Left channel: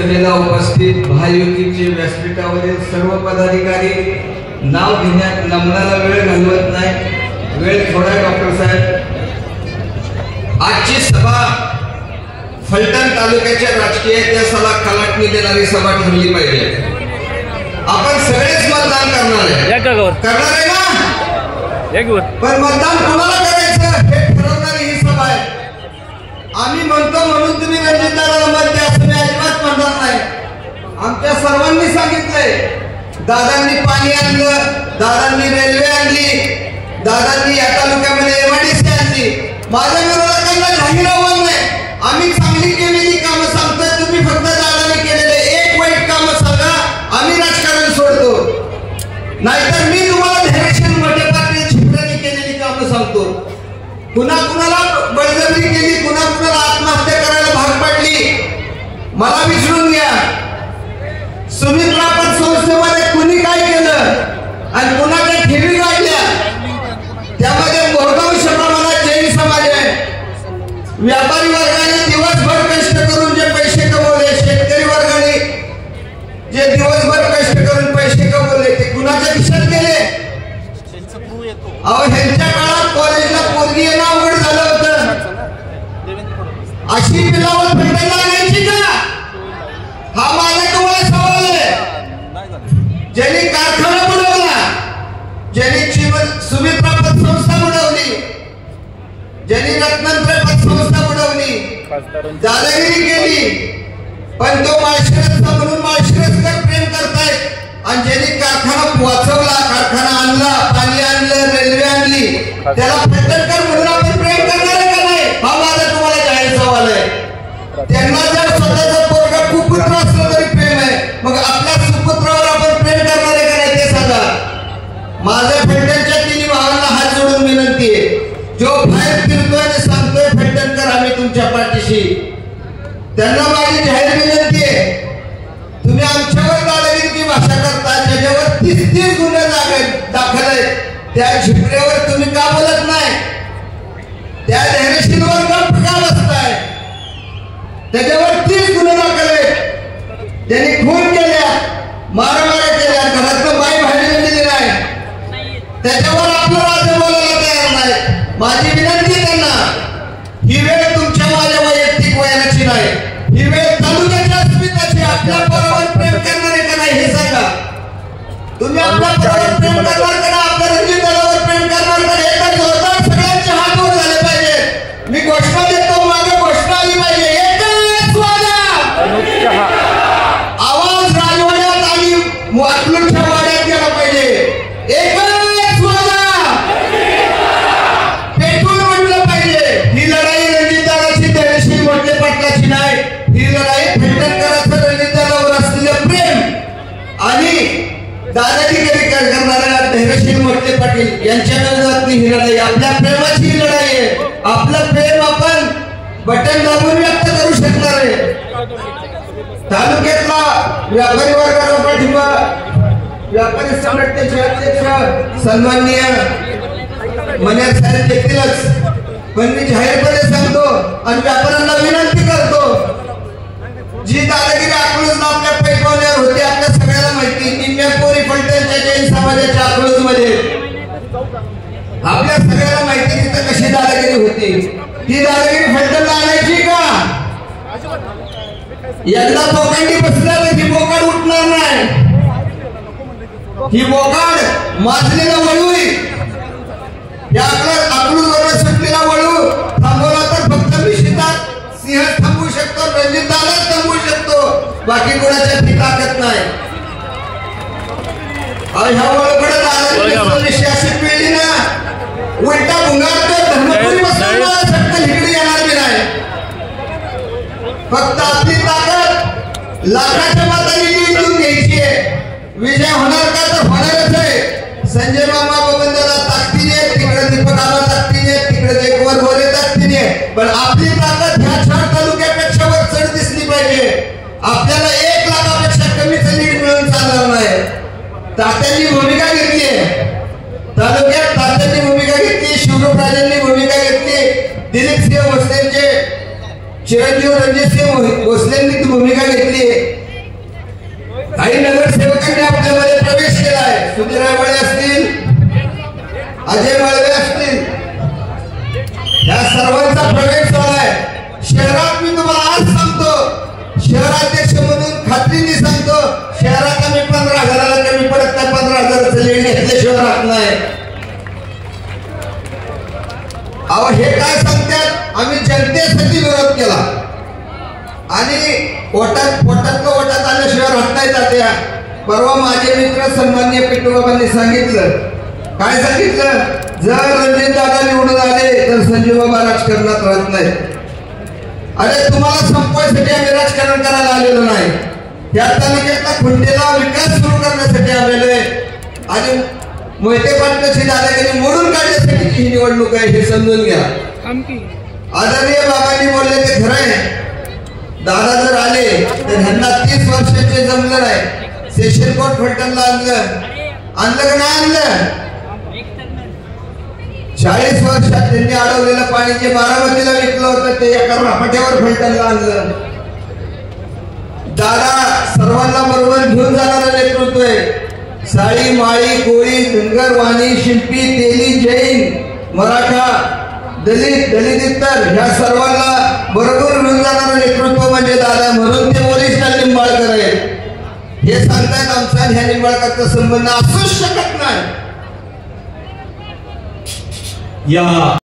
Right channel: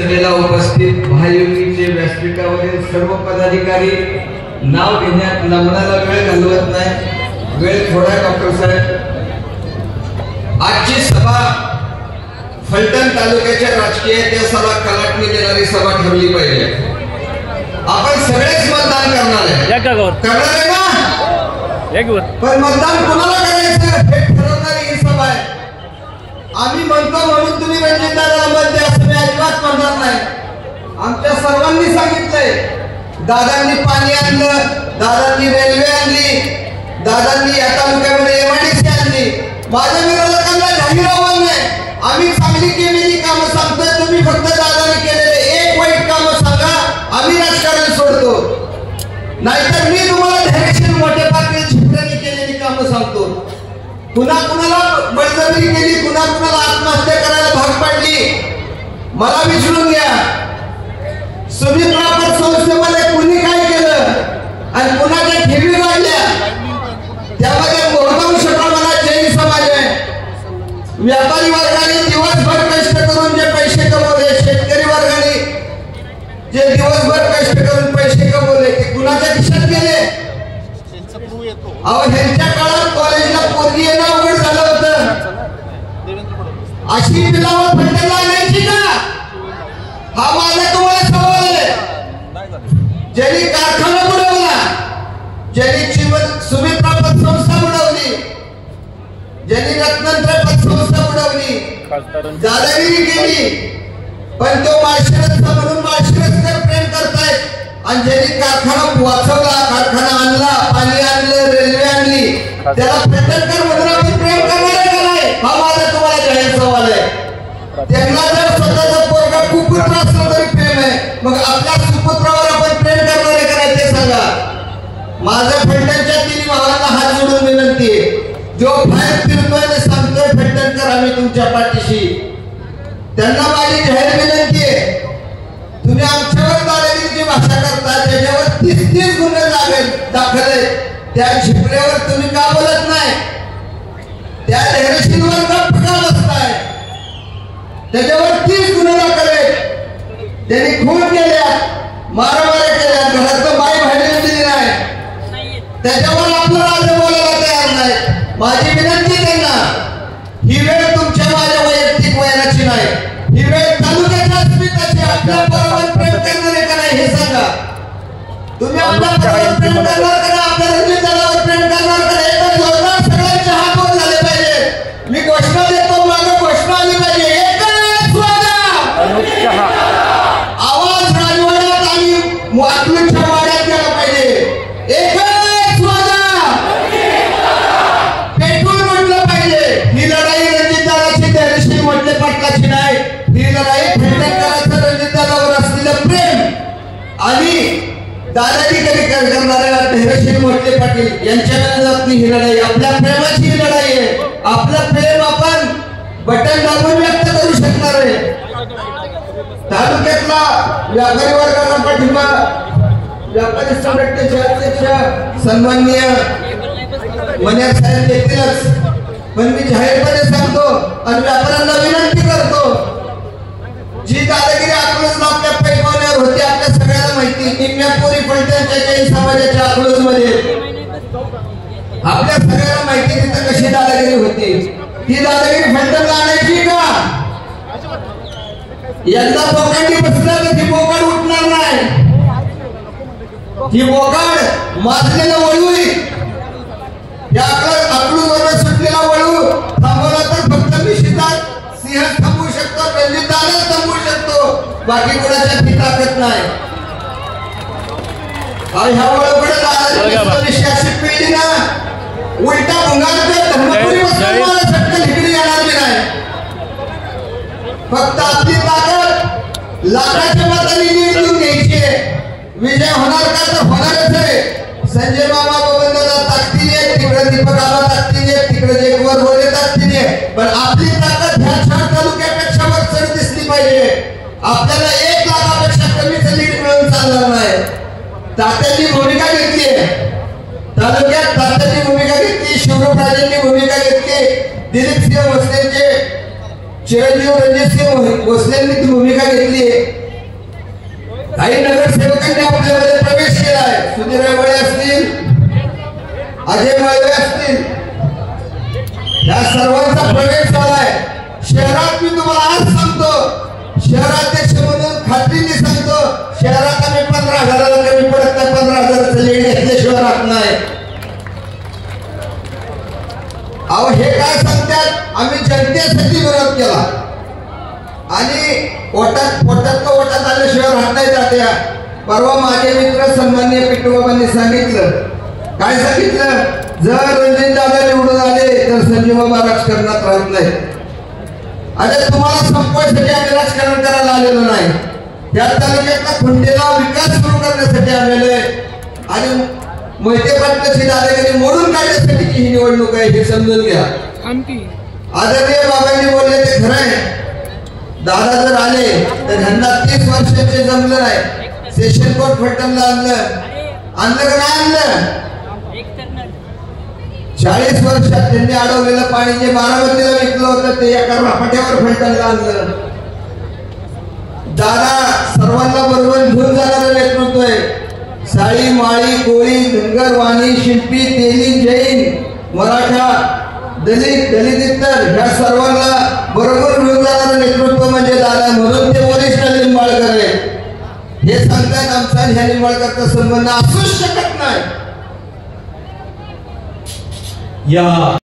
सभेला उपस्थित महायुतीचे व्यासपीठावरील सर्व पदाधिकारी, नाव घेण्यात नम्राला वेळ घालवत नाही, वेळ थोडा डॉक्टर साहेब। आजची सभा फलटण तालुक्याच्या राजकीय इतिहासाला कलाटणी देणारी सभा ठरली पाहिजे। आपण सगळेच मतदान करणार आहे, करणार आहे ना? पण मतदान कोणाला करायचं हे ठरवणारी ही सभा आहे। आम्ही म्हणतो म्हणून तुम्ही रणजितदादाला मत द्या असं मी अजिबात म्हणणार नाही। आमच्या सर्वांनी सांगितलंय, दादांनी पाणी आणलं, दादांनी रेल्वे आणली, दादांनी या तालुक्यामध्ये एमआयडीसी आणली। माझ्या विरोधकांना जाहीर आव्हान नाही, आम्ही चांगली केलेली कामं सांगतोय, तुम्ही फक्त दादांनी केलेले एक वाईट कामं सांगा, आम्ही राजकारण सोडतो। नाहीतर मी तुम्हाला धैर्यशील मोठ्या पातळीवर छिपऱ्यांनी केलेली कामं सांगतो। कुणा कुणाला बळजबरी केली, कुणा कुणाला आत्महत्या करायला भाग पाडली, मला विचारून घ्या। सुमित्रा पतसंस्थेमध्ये कुणी काय केलं आणि कुणाच्या ठेवी वाढल्या, त्यामध्ये बहुतांश प्रमाणात जैन समाज आहे। व्यापारी वर्गाने दिवसभर कष्ट करून जे पैसे कमवले, शेतकरी वर्गाने जे दिवसभर कष्ट करून पैसे कमवले, ते कुणाच्या खिशात गेले? अहो, ह्यांच्या काळात कॉलेजला पोरगी येणं अवघड झालं होतं, अशी पिलावत फलटणला आणायची का? हा माझा तुम्हाला सवाल आहे। ज्यांनी कारखाना बुडवला, ज्यांनी सुमित्रा पतसंस्था बुडवली, ज्यांनी रत्नांतर पतसंस्था बुडवली, दादागिरी केली, पण तो माळशिरसचा म्हणून माळशिरसकर प्रेम करतायत। आणि ज्यांनी कारखाना वाचवला, कारखाना आणला, पाणी आणलं, रेल्वे आणली, त्याला फलटणकर म्हणून आपण प्रेम करणार आहे का नाही? हा माझा तुम्हाला जाहीर सवाल आहे। त्यांना जर स्वतःचा पोरगा कुपुत्र असलं तरी प्रेम आहे, मग आपल्या सुपुत्रावर आपण प्रेम करणार आहे का नाही ते सांगा। माझं फलटणच्या तिन्ही भावांना हात जोडून विनंती आहे, जो बाहेर फिरतोय आणि सांगतोय फलटणकर आम्ही तुमच्या पाठीशी, त्यांना माझी जाहीर विनंती आहे, तुम्ही आमच्यावर दादागिरीची भाषा करता, त्याच्यावर 30 गुन्हे दाखल आहेत, त्या झिपऱ्यावर तुम्ही का बोलत नाही? त्या धैर्यशीलवर गप्प का बसताय? त्याच्यावर 30 गुन्हे दाखल आहेत, त्यांनी खून केल्या, मारामाऱ्या केल्या, घरातलं माय बाहेर दिली नाही, त्याच्यावर आपलं राज्य बोलायला तयार नाही। माझी विनंती त्यांना, ही वेळ तुमच्या माझ्या वैयक्तिक वयाची नाही, ही वेळ तालुक्याच्या अस्मितेची। आपल्या पोरावर प्रेम करणार आहे का नाही हे सांगा। तुम्ही आपल्या पोरावर प्रेम करणार का, आपल्या रणजितदादावर प्रेम करणार का? एकच जोरदार सगळ्यांचे हात वर झाले पाहिजे। मी घोषणा देतो, मागे घोषणा आली पाहिजे, एकच वादा, आवाज राजवाड्यात आणि अकलूजच्या वाड्यात गेला पाहिजे, एकच वादा, पेटून म्हटलं पाहिजे। ही लढाई रणजितदादाची, धैर्यशील मोठे पाटलाची नाही, ही लढाई फलटणकरांचं रणजितदादावर असलेलं प्रेम आणि दादाजी कधी करणाऱ्या धैर्यशील मोठे पाटील यांच्या विरोधातली ही लढाई, आपल्या प्रेमाची ही लढाई आहे। आपलं प्रेम आपण बटन दाबून व्यक्त करू शकणार आहे। तालुक्यातला व्यापारी वर्गाला पाठिंबा, व्यापारी संघटनेचे अध्यक्ष सन्माननीय मनेर साहेब देतीलच, पण मी जाहीरपणे सांगतो आणि व्यापाऱ्यांना विनंती करतो, जी दादागिरी अकलूजला आपल्या पैठवाड्यावर होती आपल्या सगळ्यांना माहिती। निम्म्या पोरी फलटणच्या जैन समाजाच्या अकलूजमध्ये आपल्या सगळ्यांना माहिती, तिथं कशी दादागिरी होती। ती दादागिरी फलटणला आणायची का? यंदा बोकांडी बसला तर ती बोकाड उठणार नाही, ती बोकाड माजलेला वळू, या अकलूजवर सुटलेला वळू थांबवला तर फक्त मी सिंह थांबवू शकतो, रणजितदादा थांबवू शकतो, बाकी कोणाच्या ती ताकद नाही। आणि ह्या वळकडे विश्वासित पिढी ना उलटा भुंगारकर धर्मपुरी बसला इकडे येणार नाही। फक्त आपली ताकद लाखाच्या मतांनी निवडून घ्यायची आहे, विजय होणार का तर होणारच आहे। संजय मामा गोविंदाला ताकदीने, तिकडे दीपक आबा ताकदीने, तिकडे जयकुमार मोरे ताकदीने, पण आपली ताकद ह्या 4 तालुक्यापेक्षा वर चढ दिसली पाहिजे। आपल्याला 1 लाखापेक्षा कमीच लीड मिळून चालणार नाही। तात्यांनी भूमिका घेतली आहे तालुक्यात, तात्यांनी भूमिका घेतली, शिवराजराजेंनी भूमिका घेतली, दिलीप सिंह भोसलेंचे चिरंजीव रणजितसिंह भोसलेंनी ती भूमिका घेतली. काही नगरसेवकांनी आपल्यामध्ये प्रवेश केलाय. सुधीर रेवळे असतील, अजय माळवे असतील, या सर्वांचा प्रवेश झालाय शहरात. मी तुम्हाला आज सांगतो, शहराध्यक्ष म्हणून खात्रीने सांगतो, शहरात आम्ही 15,000 कमी पडत नाही. 15,000 लीड घेतल्याशिवाय राहत नाही. अहो हे काय सांगतात, आम्ही जनतेसाठी विरोध केला आणि पोटात आल्याशिवाय राहत नाही जात्या. परवा माझे मित्र सन्माननीय पिट्टूबाबांनी सांगितलं, काय सांगितलं, जर रणजित दादा निवडून आले तर संजीव बाबा राजकारणात राहत नाही. अरे तुम्हाला संपवायसाठी आम्ही राजकारण करायला आलेलो नाही. त्या तालुक्यातला खुंटेला विकास सुरू करण्यासाठी आलेलो आहे आणि मोहिते पाटलाची दादागिरी मोडून काढण्यासाठी ही निवडणूक आहे हे समजून घ्या. आदरणीय बाबांनी बोलले ते खरं आहे. दादा जर आले तर ह्यांना 30 वर्षाचे जमलं नाही. सेशन कोर्ट फलटणला आणलं का नाही आणलं? 40 वर्षात त्यांनी अडवलेलं पाणी जे बारामतीला विकलं होतं ते एका रापाट्यावर फलटणला आणलं. दादा सर्वांना बरोबर घेऊन जाणारं नेतृत्व आहे. साळी, माळी, कोळी, धनगर, वाणी, शिंपी, तेली, जैन, मराठा, दलित, इतर ह्या सर्वांना बरोबर घेऊन जाणारं नेतृत्व म्हणजे दादा. म्हणून ते वरिष्ठ लिंबाळकर आहे. हे सांगतात आमचा ह्या लिंबाळकरचा संबंध असूच शकत नाही. या